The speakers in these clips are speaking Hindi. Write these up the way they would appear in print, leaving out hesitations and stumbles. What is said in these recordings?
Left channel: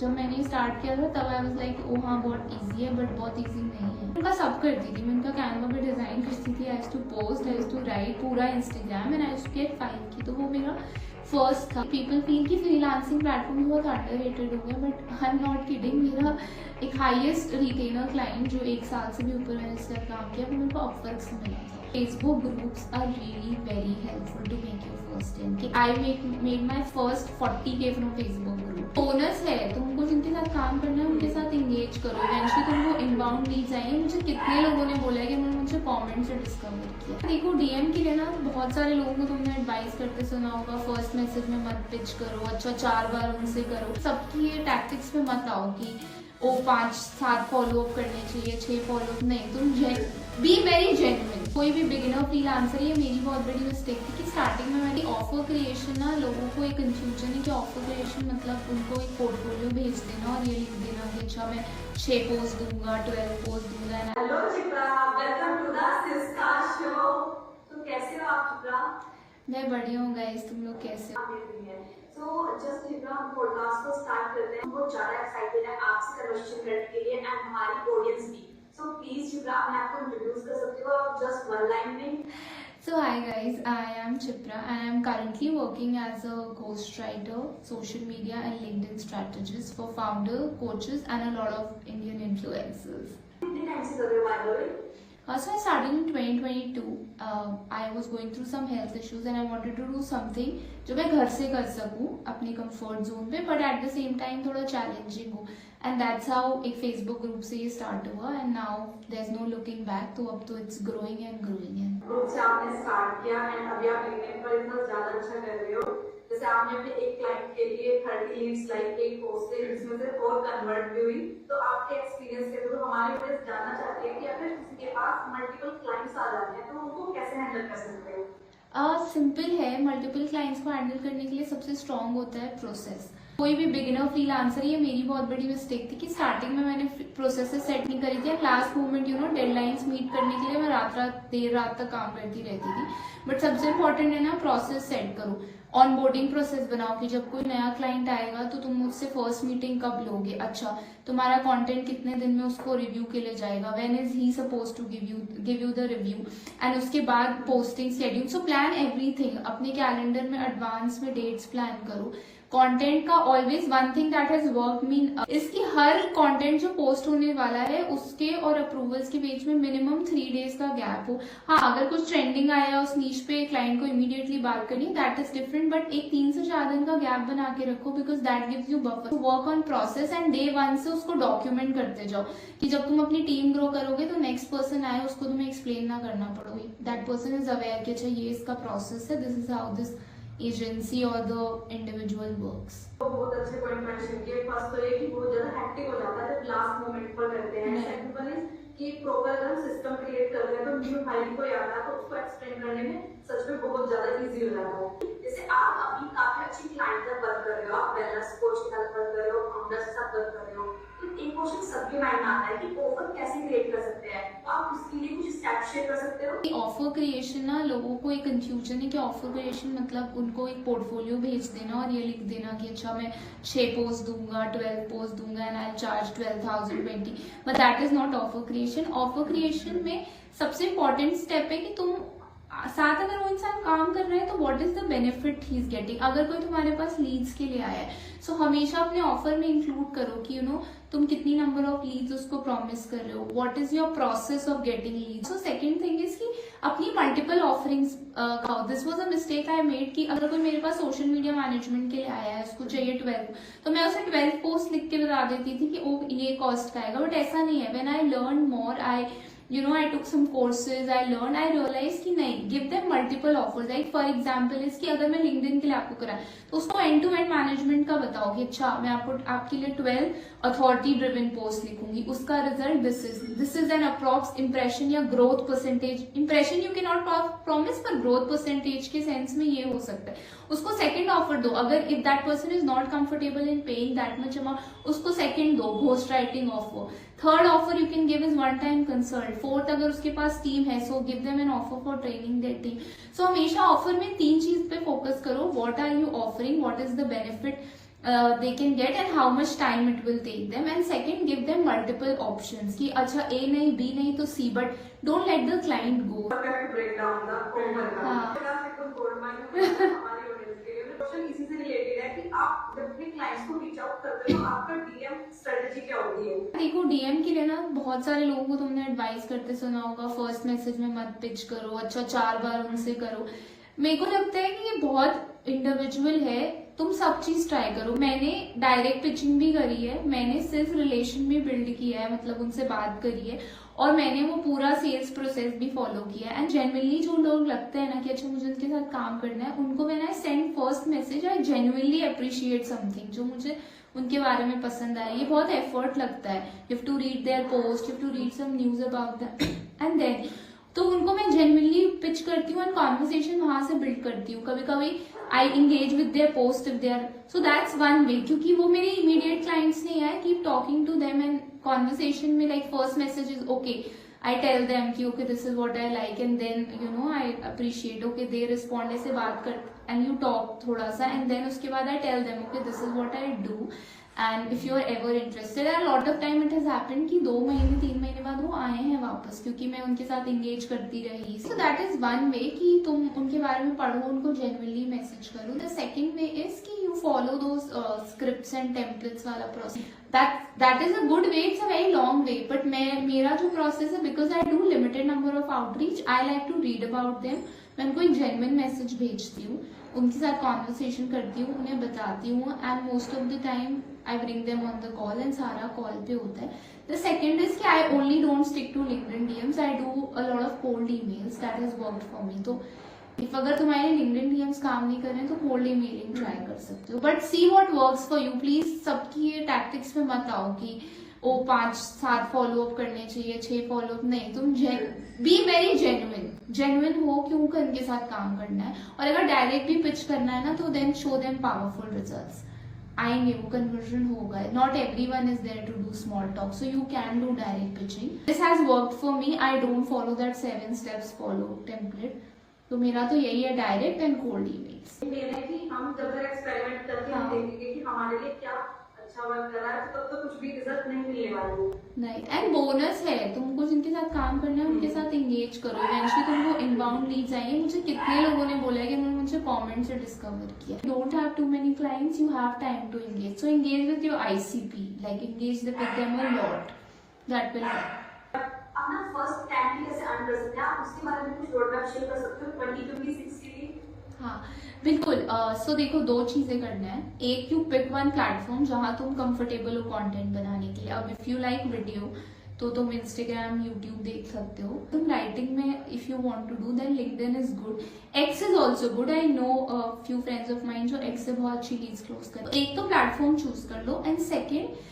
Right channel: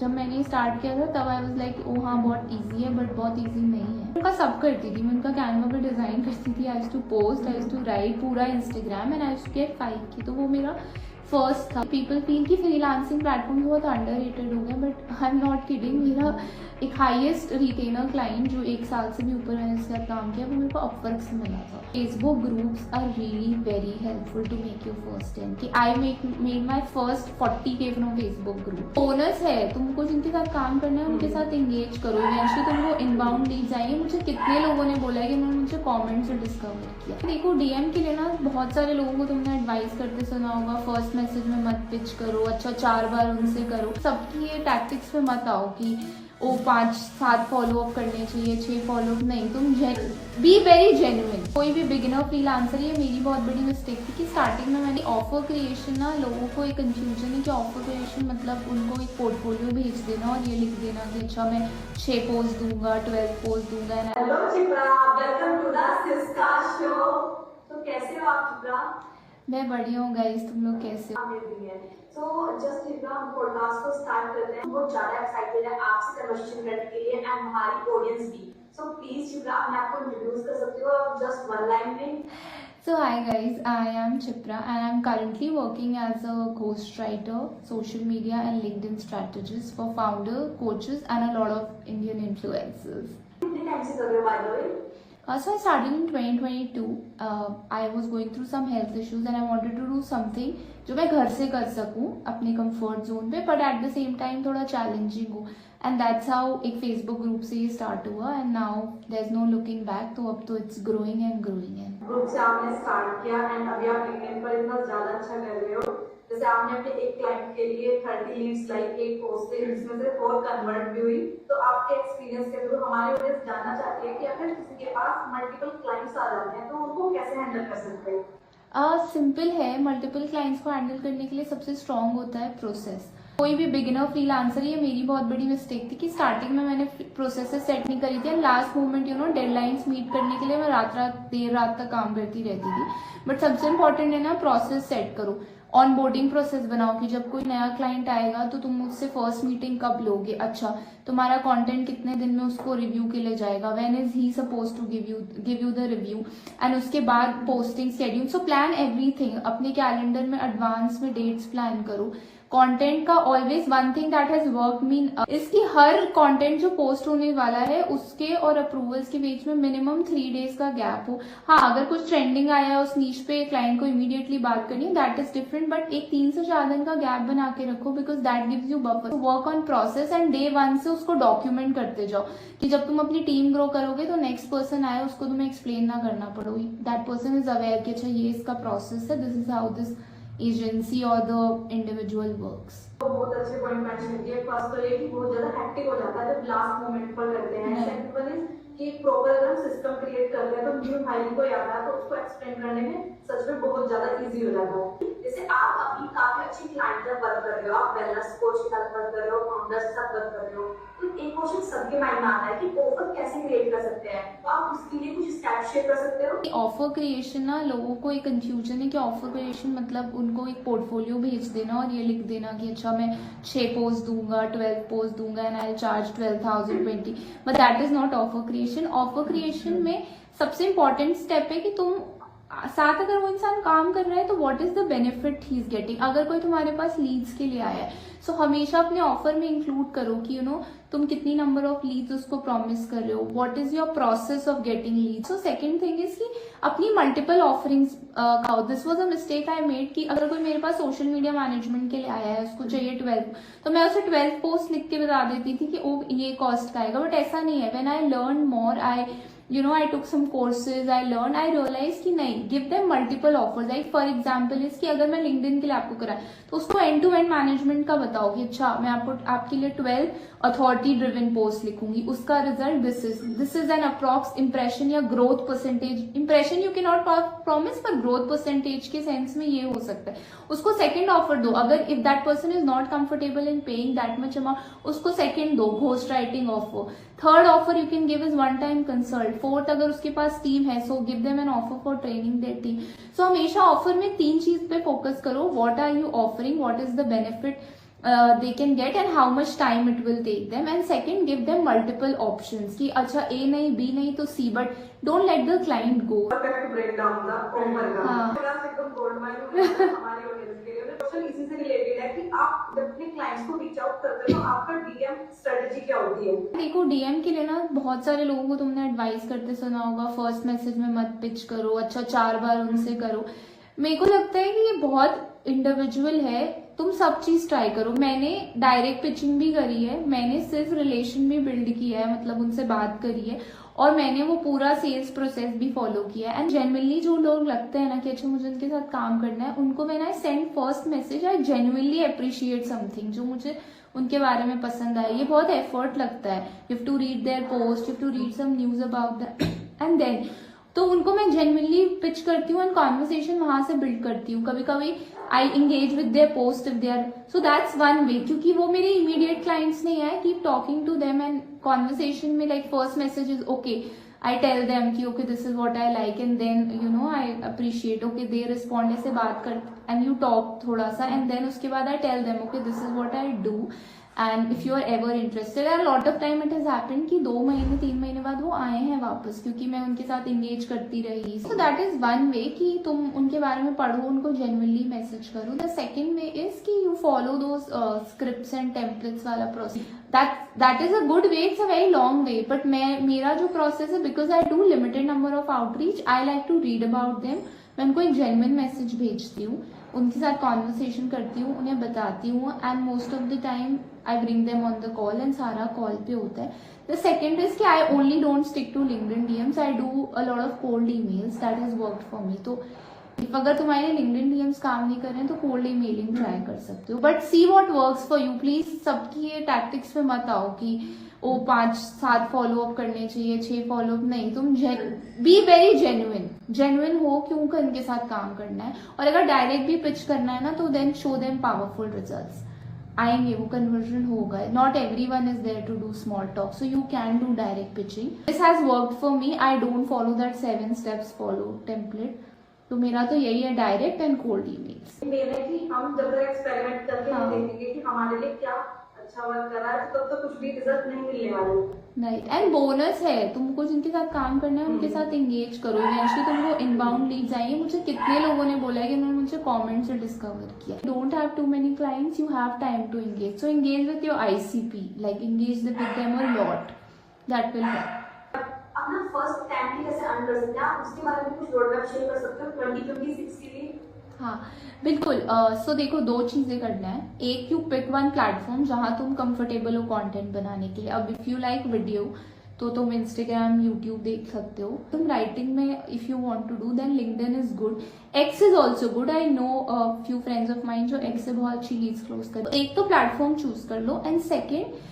जब मैंने स्टार्ट किया था तब आई वाज लाइक ओ हाँ बहुत इजी है, बट बहुत इजी नहीं है। उनका सब करती थी, मैं उनका कैनवा पे डिज़ाइन करती थी, I used to post, I used to write पूरा Instagram and I used to get 5K। तो वो मेरा फर्स्ट था। पीपल फील कि फ्रीलांसिंग प्लेटफॉर्म बहुत अंडररेटेड हो गया, but I am not kidding. मेरा एक हाईएस्ट रिटेनर क्लाइंट जो 1 साल से भी ऊपर मैंने इसके साथ काम किया, वो मेरे को अपवर्क से मिला था। Facebook groups are really very helpful to make your first 10K। I made my first 40K from Facebook group. Owners है, तुमको जिनके साथ काम करना है उनके साथ एंगेज करो, इवेंचुअली तुमको इनबाउंड लीड्स आएंगे। मुझे कितने लोगों ने बोला है कि उन्होंने मुझे कमेंट से डिस्कवर किया। देखो डीएम के लिए ना बहुत सारे लोगों को तुमने एडवाइस करते सुना होगा, फर्स्ट मैसेज में मत पिच करो, अच्छा 4 बार उनसे करो। सबकी ये टैक्टिक्स पे मत आओ कि ओ 5-7 फॉलोअप करने चाहिए, 6 फॉलोअप नहीं। तुम बी वेरी जेन्युइन। कोई भी बिगिनर फ्रीलांसर, ये मेरी बहुत बड़ी मिस्टेक थी कि स्टार्टिंग में मैंने ऑफर क्रिएशन ना, लोगों को एक कंफ्यूजन है कि ऑफर क्रिएशन मतलब उनको एक पोर्टफोलियो भेज देना और ये लिख देना कि अच्छा मैं 6 पोस्ट दूंगा, 12 पोस्ट दूंगा। Hello Chitra, welcome to the Syska show. तो कैसे हो आप चित्रा? मैं बढ़िया हूँ गाइस, तुम लोग कैसे हो? तो जस्ट चित्रा, हम पॉडकास्ट को स्टार्ट करते हैं। बहुत ज्यादा एक्साइटेड है आपसे कन्वर्सेशन करने के लिए एंड हमारी ऑडियंस भी। सो प्लीज चित्रा, अपने आप को इंट्रोड्यूस कर सकते हो जस्ट 1 लाइन में? So hi guys, I am Chipra and I am currently working as a ghostwriter, social media and LinkedIn strategist for founder, coaches and a lot of Indian influencers. कितने टाइम से कर रहे हो by the way? So I started in 2022. I was going through some health issues and I wanted to do something जो मैं घर से कर सकूं अपने कंफर्ट जोन पे, but at the same time थोड़ा चैलेंजिंग हो। एंड दैट्स हाउ एक फेसबुक ग्रुप से ये स्टार्ट हुआ and now there is no looking back. तो अब तो it's growing and growing and group से आपने स्टार्ट किया एंड अभी आप लिंक्डइन पर इतना ज्यादा अच्छा कर रहे हो। जैसे आपने अपने एक क्लाइंट के लिए 30 लीड्स लाइक एक पोस्ट से, जिसमें से 4 कन्वर्ट भी हुई। तो आपके एक्सपीरियंस के थ्रू हमारी ऑडियंस जानना चाहती है कि अगर किसी के पास मल्टीपल क्लाइंट्स आ जाते हैं तो उनको कैसे हैंडल कर सकते हो? सिंपल है। मल्टीपल क्लाइंट्स को हैंडल करने के लिए सबसे स्ट्रांग होता है प्रोसेस। कोई भी बिगिनर फ्रीलांसर, ये मेरी बहुत बड़ी मिस्टेक थी कि स्टार्टिंग में मैंने प्रोसेसेस सेट नहीं करी थी and last moment deadlines meet करने के लिए मैं देर रात तक काम करती रहती थी। बट सबसे इम्पोर्टेंट है ना, प्रोसेस सेट करो। ऑनबोर्डिंग प्रोसेस बनाओ कि जब कोई नया क्लाइंट आएगा तो तुम उससे फर्स्ट मीटिंग कब लोगे, अच्छा तुम्हारा कंटेंट कितने दिन में उसको रिव्यू के लिए जाएगा, when is he suppose to give you the review, and उसके बाद posting schedule. So plan everything. अपने कैलेंडर में एडवांस में डेट्स प्लान करो। कंटेंट का always one thing that has work mean इसकी हर कंटेंट जो पोस्ट होने वाला है उसके और अप्रूवल्स के बीच में मिनिमम 3 डेज का गैप हो। हाँ, अगर कुछ ट्रेंडिंग आया है उस नीच पे क्लाइंट को इमीडिएटली बात करनी, दैट इज डिफरेंट, बट एक 3 से 4 दिन का गैप बना के रखो because that gives you buffer. Work on process and day 1 से उसको डॉक्यूमेंट करते जाओ कि जब तुम अपनी टीम ग्रो करोगे तो नेक्स्ट पर्सन आए उसको तुम्हें एक्सप्लेन ना करना पड़ो, दैट पर्सन इज अवेयर कि अच्छा ये इसका प्रोसेस है, this is how this agency और द इंडिविजुअल वर्क्स। तो बहुत अच्छे पॉइंट मेंशन किए। फर्स्ट तो ये कि बहुत ज्यादा हैक्टिक हो जाता है जब लास्ट मोमेंट पर करते हैं। सेकंड वन इज कि प्रॉपर अगर सिस्टम क्रिएट कर रहे हैं तो न्यू हायरिंग को याद है तो उसको एक्सप्लेन करने में सच में बहुत ज्यादा इजी हो जाता है। जैसे आप अभी काफी अच्छी क्लाइंट के साथ वर्क कर रहे हो, आप वेलनेस कोच के साथ वर्क कर रहे हो, फाउंडर्स के साथ वर्क कर रहे हो, तो एक क्वेश्चन सबके माइंड में आता है कि ऑफर कैसे क्रिएट कर सकते हैं, तो आप उसके लिए कुछ स्टेप शेयर कर सकते हो? ऑफर क्रिएशन ना, लोगों को एक कंफ्यूजन है कि ऑफर क्रिएशन मतलब उनको एक पोर्टफोलियो भेज देना और ये लिख देना कि अच्छा मैं 6 पोस्ट दूंगा, 12 पोस्ट दूंगा and I charge 12,020, but that is not offer creation. Offer creation में सबसे इंपॉर्टेंट स्टेप है कि तुम साथ अगर वो इंसान काम कर रहा है तो what is the benefit he is getting. अगर कोई तुम्हारे पास लीड्स के लिए आया है सो हमेशा अपने ऑफर में इंक्लूड करो कि तुम कितनी नंबर ऑफ लीड्स उसको प्रॉमिस कर रहे हो, what is your process of getting leads. So second thing is कि अपनी मल्टीपल ऑफरिंग्स खाओ। This was a mistake I made कि अगर कोई मेरे पास सोशल मीडिया मैनेजमेंट के लिए आया है, उसको चाहिए 12, तो मैं उसे 12 पोस्ट लिख के बता देती थी कि ओ ये कॉस्ट का आएगा, बट ऐसा नहीं है। When I learn more, I took some courses, I realized कि नहीं, give them multiple offers. Like for example is कि अगर मैं LinkedIn के लिए आपको कराए तो उसको end to end मैनेजमेंट का बताओ कि अच्छा मैं आपके लिए 12 अथॉरिटी ड्रिवन पोस्ट लिखूंगी, उसका result this is an approx impression या growth percentage. Impression you can not promise, पर ग्रोथ परसेंटेज के सेंस में ये हो सकता है। उसको सेकंड ऑफर दो, अगर if that person is not comfortable in paying that much amount, उसको सेकंड दो, ghost writing offer. Third offer you can give is one time consult. Fourth, अगर उसके पास टीम है so give them an offer for training their team. So हमेशा ऑफर में 3 चीज पे फोकस करो, what are you offering, what is the benefit they can get and how much time it will take them. And second, give them multiple options कि अच्छा A नहीं B नहीं तो C, but don't let the client go. Perfect breakdown का ओवर का हाँ। एकदम गोल्ड माइन हमारी ऑडियंस के लिए क्वेश्चन इसी से रिलेटेड है कि आप जब अपने क्लाइंट्स को रीच आउट करते हो तो आपका डीएम स्ट्रेटजी क्या होती है? देखो डीएम के लिए ना बहुत सारे लोगों को तुमने एडवाइस करते सुना होगा, फर्स्ट मैसेज में मत पिच करो, अच्छा 4 बार उनसे करो। मेरे को लगता है कि ये बहुत इंडिविजुअल है, तुम सब चीज ट्राई करो। मैंने डायरेक्ट पिचिंग भी करी है, मैंने सिर्फ रिलेशन भी बिल्ड किया है, मतलब उनसे बात करी है, और मैंने वो पूरा सेल्स प्रोसेस भी फॉलो किया है। एंड जेन्युइनली जो लोग लगते हैं ना कि अच्छा मुझे उनके साथ काम करना है, उनको when I send first message I genuinely appreciate something जो मुझे उनके बारे में पसंद आया। ये बहुत एफर्ट लगता है, you have to read their post, you have to read some news about that and then तो उनको मैं जेन्युइनली पिच करती हूँ एंड कॉन्वर्सेशन वहां से बिल्ड करती हूँ। कभी कभी I engage with their post if they are, so that's one way, क्योंकि वो मेरे इमीडिएट क्लाइंट्स नहीं है। Keep talking to them and conversation में like first message is okay, I tell them कि okay this is what I like and then you know I appreciate, okay they respond, ऐसे बात कर एंड यू टॉक थोड़ा सा एंड देन उसके बाद I tell them okay this is what I do and if you are ever interested. And lot of time it has happened कि 2 महीने 3 महीने बाद वो आए हैं वापस, क्योंकि मैं उनके साथ एंगेज करती रही। So that is one way कि तुम उनके बारे में पढ़ो, उनको जेन्युइनली मैसेज करो। द सेकेंड वे इज कि you follow those scripts and templates वाला process. That is a good way, it's a very long way, but मेरा जो प्रोसेस है, because I do limited number of outreach, I like to read about them. मैं उनको एक जेन्युइन मैसेज भेजती हूँ, उनके साथ कॉन्वर्सेशन करती हूँ, उन्हें बताती हूँ and most of the time I bring them on the call and सारा कॉल पे होता है। द सेकेंड इज कि I only don't stick to LinkedIn DMs, I do a lot of cold emails, that has worked for me. तो इफ अगर तुम्हारे लिंक्डइन डीएम्स काम नहीं कर रहे हैं तो कोल्ड ईमेलिंग ट्राई कर सकते हो, but see what works for you. Please सबकी ये टैक्टिक्स में मत आओ कि ओ 5-7 फॉलोअप करने चाहिए, 6 फॉलोअप नहीं। तुम बी वेरी जेन्युइन हो क्यों कर उनके साथ काम करना है, और अगर डायरेक्ट भी पिच करना है ना तो then show them powerful results आएंगे, वो कन्वर्जन होगा। Not everyone is there to do small talk, so you can do direct pitching. This has worked for me, I don't follow that 7 steps follow template. तो मेरा तो यही है, डायरेक्ट एंड कोल्ड ईमेल्स। कि हम जब एक्सपेरिमेंट करके हाँ। देखेंगे कि हमारे लिए क्या अच्छा वर्क कर रहा है, तो तब तो कुछ भी रिजल्ट नहीं मिलेगा। राइट, एंड बोनस है, तुमको जिनके साथ काम करना है उनके साथ एंगेज करो, इवेंचुअली तुमको इनबाउंड लीड्स आएंगे। मुझे कितने लोगों ने बोला है कि उन्होंने मुझे कमेंट से डिस्कवर किया। Don't have too many clients, you have time to engage, so engage with your ICP, like engage with them a lot, that will help. अपना फर्स्ट 10 कैसे अर्न कर सकते हैं आप, उसके बारे में कुछ रोडमैप शेयर कर सकते हो 20-20-60 की? हाँ बिल्कुल। सो देखो 2 चीजें करना है। एक, यू पिक वन प्लेटफॉर्म जहां तुम कंफर्टेबल हो कंटेंट बनाने के लिए। अब इफ यू लाइक वीडियो तो तुम इंस्टाग्राम यूट्यूब देख सकते हो। तुम राइटिंग में if you want to do then LinkedIn is good, X is also good. I know few friends of mine जो एक्स से बहुत अच्छी लीड्स क्लोज कर। एक तो प्लेटफॉर्म चूज कर लो, and second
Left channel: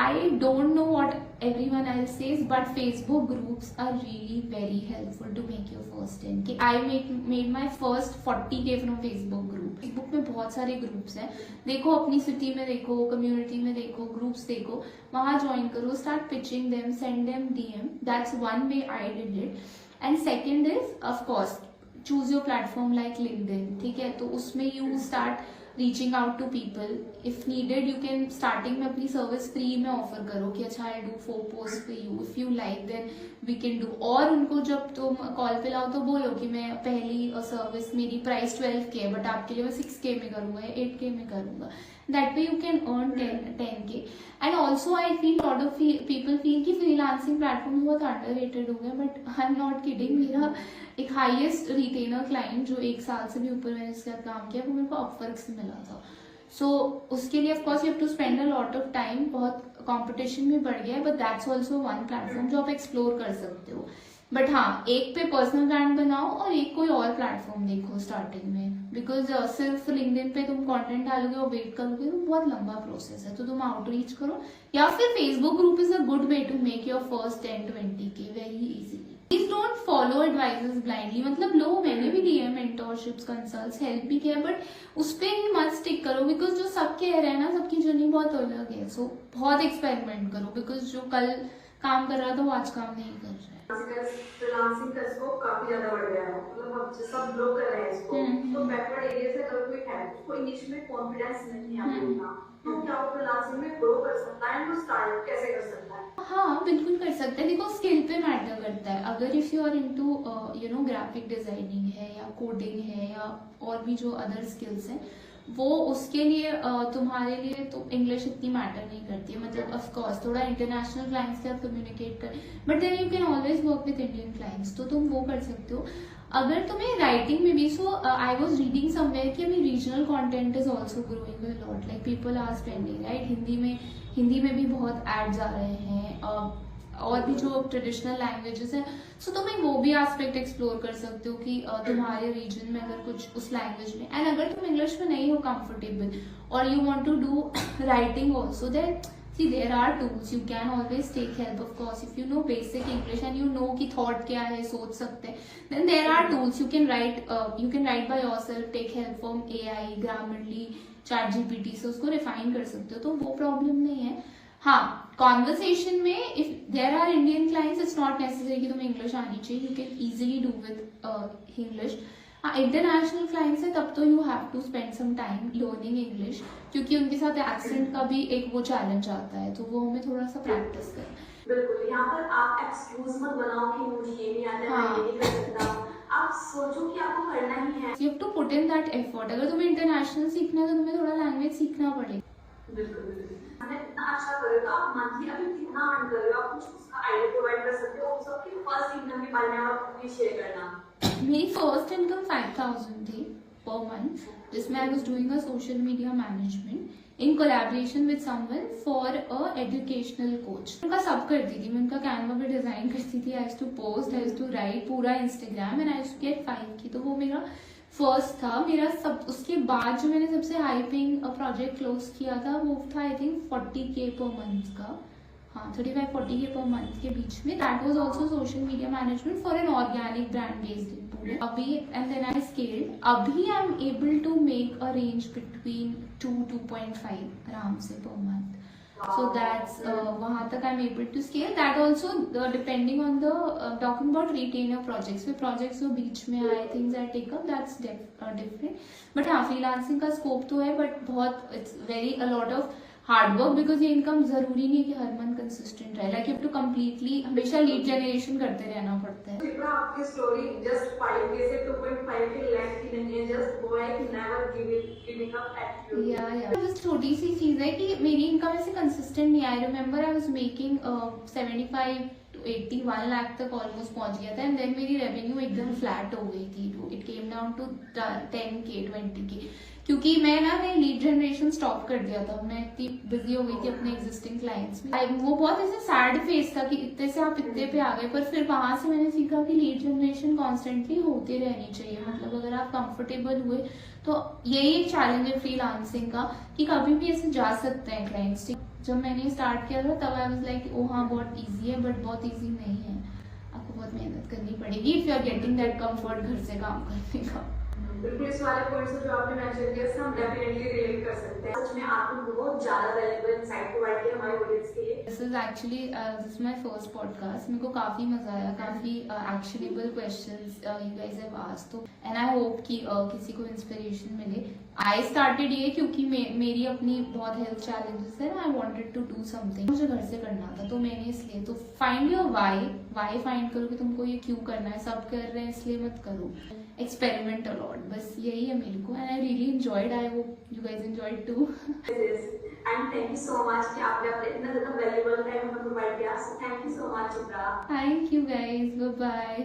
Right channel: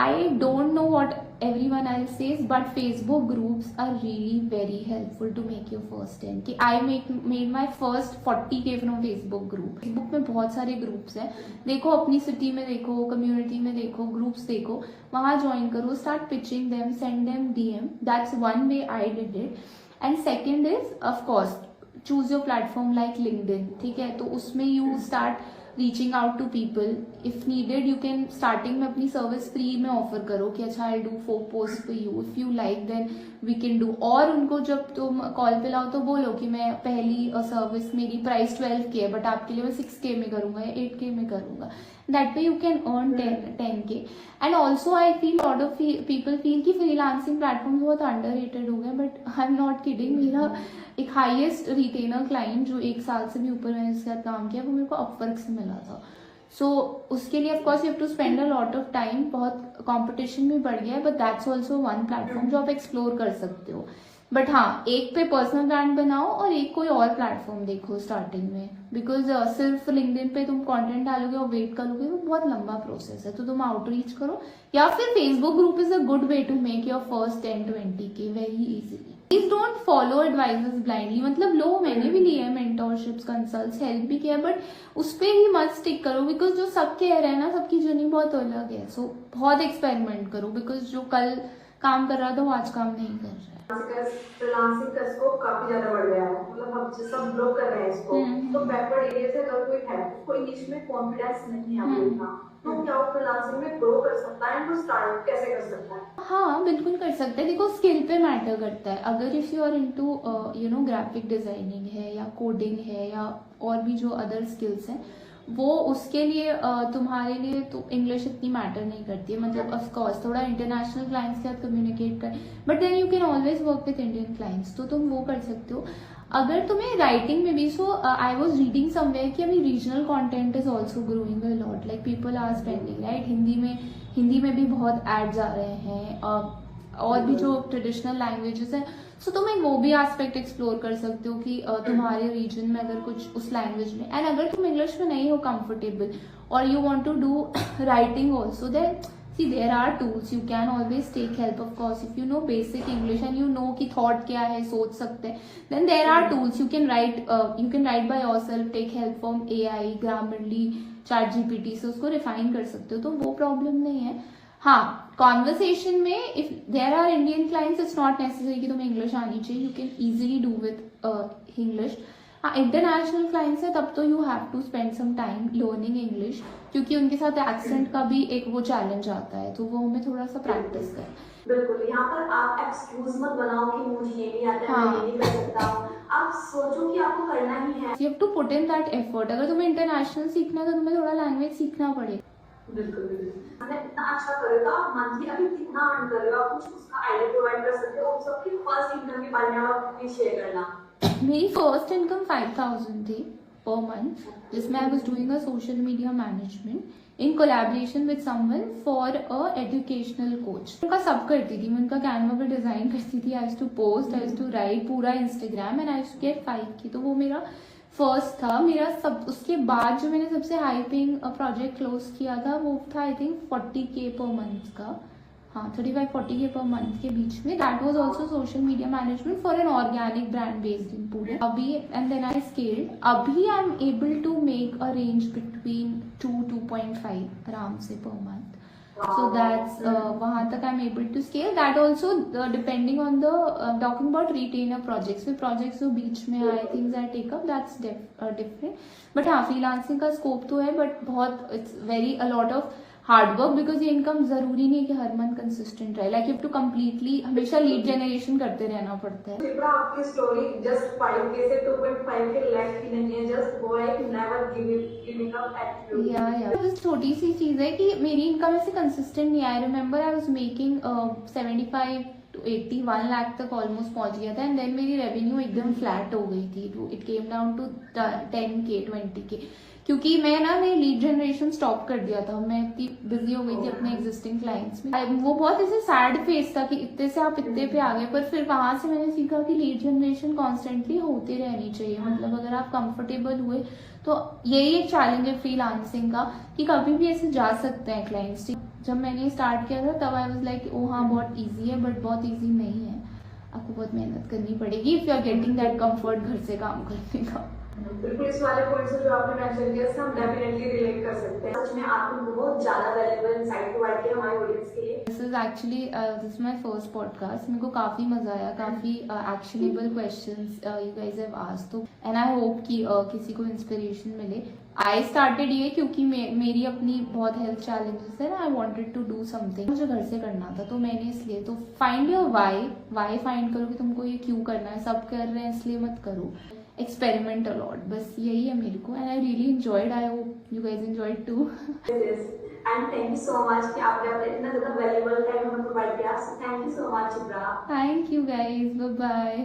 I don't know what everyone else says, but Facebook groups are really very helpful to make your first 10K. I made my first 40K from Facebook group. Facebook में बहुत सारे ग्रुप्स हैं, देखो अपनी सिटी में देखो, कम्युनिटी में देखो, ग्रुप्स देखो, वहां ज्वाइन करो, start pitching them, send them DM. That's one way I did it. And second is of course choose your platform like LinkedIn. ठीक है, तो उसमें you start reaching out to people. If needed you can starting में अपनी सर्विस फ्री में ऑफर करो कि अच्छा I do 4 post for you, if you like then we can do. और उनको जब तुम कॉल पे लाओ तो बोलो कि मैं पहली सर्विस मेरी प्राइस 12K है, बट आपके लिए मैं 6K में करूंगा या 8K में करूंगा। That way you can earn 10K। And also I feel lot of people feel कि फ्रीलांसिंग प्लेटफॉर्म बहुत अंडररेटेड हो गए, but I am not kidding. मेरा एक हाईएस्ट रिटेनर क्लाइंट जो 1 साल से भी ऊपर मैंने इसके साथ काम किया, वो मेरे को अपवर्क से मिला था। सो उसके लिए of course you have to spend a lot of time, बहुत कंपटीशन भी बढ़ गया है, but that's also one platform जो आप एक्सप्लोर कर सकते हो। बट हाँ, एक पे पर्सनल ब्रांड बनाओ और एक कोई और प्लेटफॉर्म देखो स्टार्टिंग में, बिकॉज सिर्फ लिंक्डइन पे तुम कंटेंट डालोगे और वेट करोगे तो बहुत लंबा प्रोसेस है। तो तुम आउटरीच करो, या फिर Facebook group is a good way to make your first 10-20K very easily. Please don't follow advices blindly, मतलब लो, मैंने भी लिया है मेंटोरशिप्स, कंसल्ट्स, हेल्प भी किया, बट उस पर ही मत स्टिक करो, बिकॉज जो सब कह रहे हैं ना, सबकी जर्नी बहुत अलग है। सो बहुत एक्सपेरिमेंट करो, बिकॉज जो कल काम कर रहा था वो आज काम नहीं कर रहा है। फ्रीलांसिंग का स्कोप काफी ज्यादा बढ़ गया है, मतलब हम सब लोग कर रहे हैं इसको। तो बैकवर्ड एरिया से अगर कोई है, उसको इंग्लिश में कॉन्फिडेंस नहीं आएगा, तो क्या वो फ्रीलांसिंग में ग्रो कर सकता है, वो स्टार्ट कैसे कर सकता है? हाँ बिल्कुल कर सकते हैं। देखो स्किल पे मैटर करता है। अगर if you are into graphic designing है या कोडिंग है या और भी जो अदर स्किल्स हैं, वो उसके लिए तुम्हारे लिए तो इंग्लिश इतनी मैटर नहीं करती है। मतलब ऑफ कोर्स थोड़ा इंटरनेशनल क्लाइंट्स के साथ कम्युनिकेट कर, but then you can always work with Indian clients, तो तुम वो कर सकते हो। अगर तुम्हें राइटिंग में भी, so I was reading somewhere कि अभी regional content is also growing a lot, like people are spending right. Hindi में भी बहुत एड्स आ रहे हैं, और भी जो ट्रेडिशनल लैंग्वेजेस हैं, सो तुम एक वो भी एस्पेक्ट एक्सप्लोर कर सकते हो कि तुम्हारे रीजन में अगर कुछ उस लैंग्वेज में, एंड अगर तुम इंग्लिश में नहीं हो कंफर्टेबल और you want to do writing also, then see there are tools, you can always take help of course if you know basic English and you know कि thought क्या है, सोच सकते हैं, then there are tools you can write by yourself, take help from AI, Grammarly, ChatGPT से उसको refine कर सकते हो, तो वो problem नहीं है। हाँ, conversation में if there are Indian clients it's not necessary कि तुम्हें English आनी चाहिए, you can easily do with English। हाँ, इंटरनेशनल क्लाइंट्स है तब तो you have to spend some time learning English, क्योंकि उनके साथ एक्सेंट का भी एक वो चैलेंज आता है, तो वो हमें थोड़ा सा प्रैक्टिस करें। बिल्कुल, यहाँ पर आप एक्सक्यूज मत बनाओ कि मुझे ये नहीं आता है, हाँ। मैं ये नहीं कर सकता। आप सोचो कि आपको करना ही है। You have to put in that effort. अगर तुम्हें इंटरनेशनल सीखना है तो तुम्हें थोड़ा लैंग्वेज सीखना पड़ेगा। बिल्कुल बिल्कुल, मैं इतना अच्छा करेगा, मंथली अभी कितना अर्न करेगा, कुछ उसका आइडिया प्रोवाइड कर सकते हो। सबकी फर्स्ट इनकम के बारे में आप प्लीज शेयर करना। मेरी फर्स्ट इनकम 5,000 थी पर मंथ, जिसमें I was doing a social media management in collaboration with someone for a educational coach. उनका सब करती थी, मैं उनका कैनवा पे डिजाइन करती थी, I used to post, I used to write पूरा Instagram, and I used to get 5K। तो वो मेरा फर्स्ट था मेरा सब। उसके बाद जो मैंने सबसे हाई पेइंग प्रोजेक्ट क्लोज किया था वो था I think 40K per month का। हाँ, 35-40K पर मंथ के बीच में। That was also social media management for an organic brand based in Pune. अभी एंड देन आई स्केल्ड, अभी I am able to make a range between 2-2.5 आराम से पर मंथ। सो दैट्स वहां तक I am able to scale. That also depending on the talking about retainer projects. फिर प्रोजेक्ट्स जो बीच में आए, things I take up, that's different. But हाँ, फ्रीलांसिंग का स्कोप तो है, बट बहुत it's very a lot of hard work, because ये इनकम जरूरी नहीं है कि हर मंथ कंसिस्टेंट रहे। Like you have to completely हमेशा लीड जनरेशन करते रहना पड़ता है। कृपा आपकी स्टोरी जस्ट 5K से 2.5K लैक्स की नहीं है, जस्ट वो है कि नेवर गिविंग अप एटीट्यूड। या बस छोटी सी चीज है कि मेरी इनकम ऐसे कंसिस्टेंट नहीं। I remember I was making 75 to 81 lakh तक ऑलमोस्ट पहुंच गया था, एंड देन मेरी रेवेन्यू एकदम फ्लैट हो गई थी, it came down to 10K 20K, क्योंकि मैंने लीड जनरेशन स्टॉप कर दिया था। मैं इतनी बिजी हो गई थी अपने एग्जिस्टिंग क्लाइंट्स में। वो बहुत ऐसे सैड फेज था कि इतने से आप इतने पे आ गए, पर फिर वहां से मैंने सीखा कि लीड जनरेशन कॉन्स्टेंटली होते रहनी चाहिए। मतलब अगर आप कंफर्टेबल हुए तो यही एक चैलेंज है फ्रीलांसिंग का कि कभी भी ऐसे जा सकते हैं क्लाइंट्स। जब मैंने स्टार्ट किया था तब आई वाज लाइक ओ हाँ बहुत इजी है, बट बहुत इजी नहीं है, आपको बहुत मेहनत करनी पड़ेगी if you are getting that comfort घर से काम करने का। बिल्कुल, इस वाले पॉइंट से जो आपने मेंशन किया हम डेफिनेटली रिलेट कर सकते हैं। सच में आपने बहुत ज्यादा वैल्यूएबल इनसाइट प्रोवाइड किया हमारे ऑडियंस के लिए। This is my first podcast. मेरे को काफी मजा आया, काफी actionable questions you guys have asked, तो एंड आई होप कि किसी को इंस्पिरेशन मिले। आई स्टार्टेड ये क्योंकि मेरी अपनी बहुत हेल्थ चैलेंजेस है ना, I wanted to do something, मुझे घर से करना था, तो मैंने इसलिए तो फाइंड योर वाई फाइंड करो कि तुमको ये क्यों करना है। सब कर रहे हैं इसलिए मत करो, एक्सपेरिमेंट अलॉट, बस यही है मेरे को। And I really enjoyed, I hope you guys enjoyed too. And thank you so much कि आपने इतना ज्यादा वैल्यूएबल टाइम हमें प्रोवाइड किया। Thank you so much Chitra. Thank you guys, bye bye.